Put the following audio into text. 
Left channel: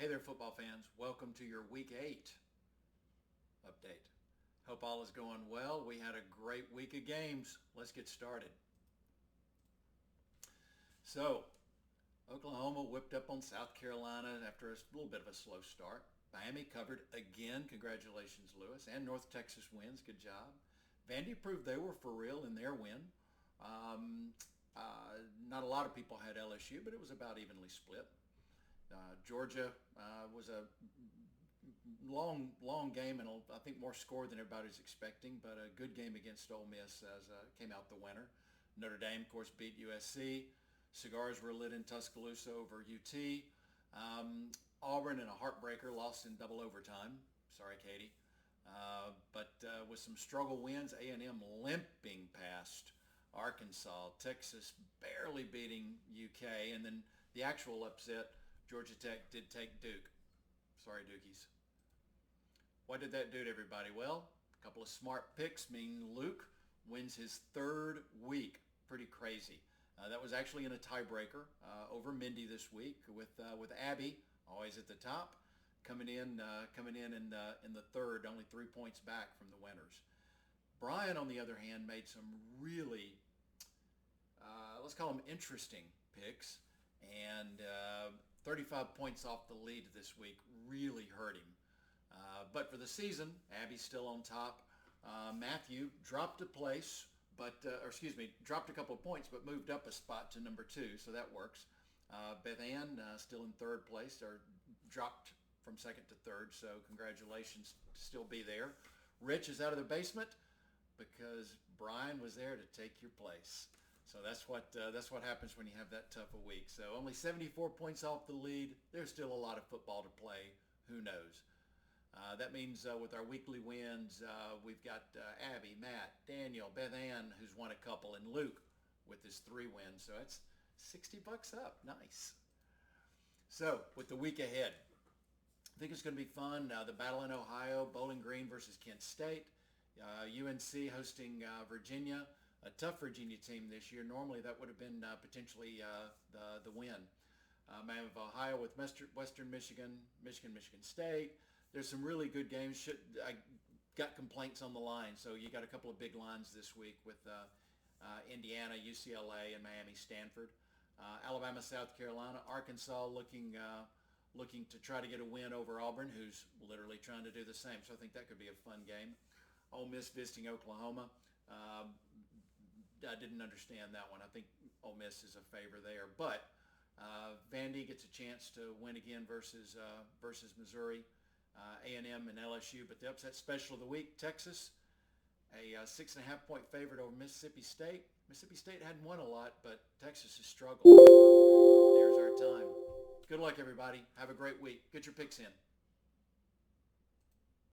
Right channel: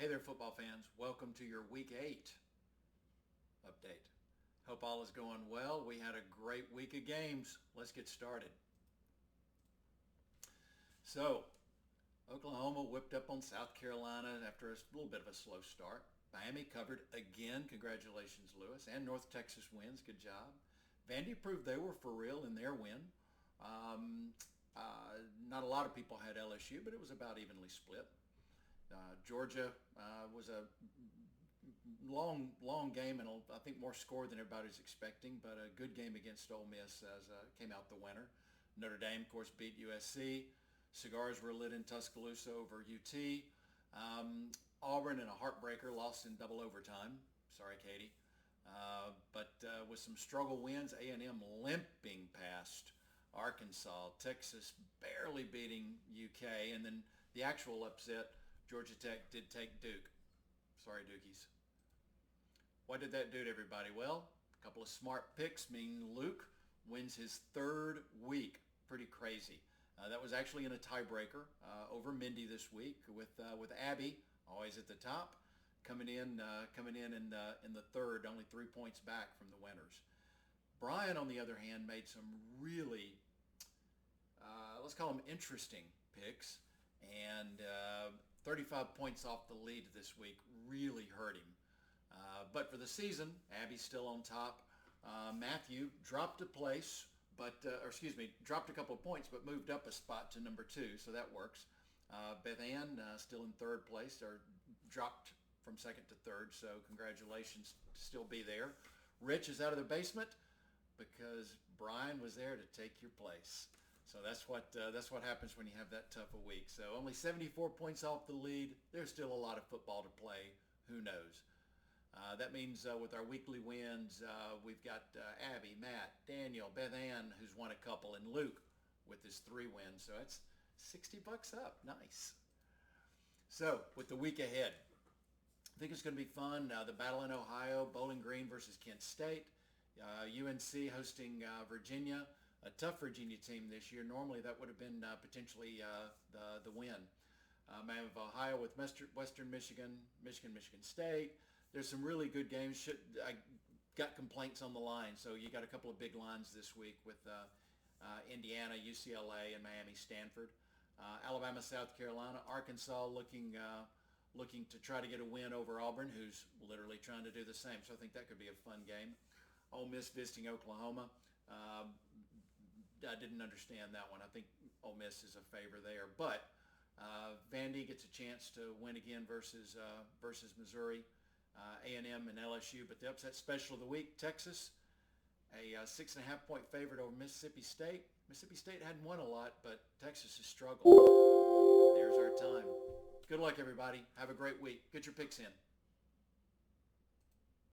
Hey there, football fans. Welcome to your Week 8 update. Hope all is going well. We had a great week of games. Let's get started. So, Oklahoma whipped up on South Carolina after a little bit of a slow start. Miami covered again. Congratulations, Lewis. And North Texas wins. Good job. Vandy proved they were for real in their win. Um, Not a lot of people had LSU, but it was about evenly split. Georgia was a long game and I think more score than everybody's expecting, but a good game against Ole Miss as came out the winner. Notre Dame, of course, beat USC. Cigars were lit in Tuscaloosa over UT. Auburn in a heartbreaker lost in double overtime. Sorry, Katie. But with some struggle wins, A&M limping past Arkansas, Texas barely beating UK, and then the actual upset, Georgia Tech did take Duke. Sorry, Dukies. What did that do to everybody? Well, a couple of smart picks mean Luke wins his third week. Pretty crazy. That was actually in a tiebreaker over Mindy this week with Abby always at the top, coming in in the third, only 3 points back from the winners. Brian, on the other hand, made some really let's call them interesting picks, and 35 points off the lead this week really hurt him. But for the season, Abby's still on top. Matthew dropped a place, dropped a couple of points, but moved up a spot to number 2, so that works. Beth Ann still in third place, or dropped from second to third, so congratulations to still be there. Rich is out of the basement because Brian was there to take your place. So that's what happens when you have that tough a week. So only 74 points off the lead. There's still a lot of football to play. Who knows? That means with our weekly wins, we've got Abby, Matt, Daniel, Beth Ann, who's won a couple, and Luke with his 3 wins. So that's $60 up. Nice. So with the week ahead, I think it's going to be fun. The battle in Ohio, Bowling Green versus Kent State, UNC hosting Virginia. A tough Virginia team this year. Normally that would have been potentially the win. I have Ohio with Western Michigan, Michigan State. There's some really good games. I got complaints on the line, so you got a couple of big lines this week with Indiana, UCLA, and Miami, Stanford. Alabama, South Carolina, Arkansas looking to try to get a win over Auburn, who's literally trying to do the same. So I think that could be a fun game. Ole Miss visiting Oklahoma. I didn't understand that one. I think Ole Miss is a favor there, but Vandy gets a chance to win again versus Missouri, A&M and LSU. But the upset special of the week, Texas, a 6.5 point favorite over Mississippi State. Mississippi State hadn't won a lot, but Texas has struggled. There's our time. Good luck, everybody. Have a great week. Get your picks in.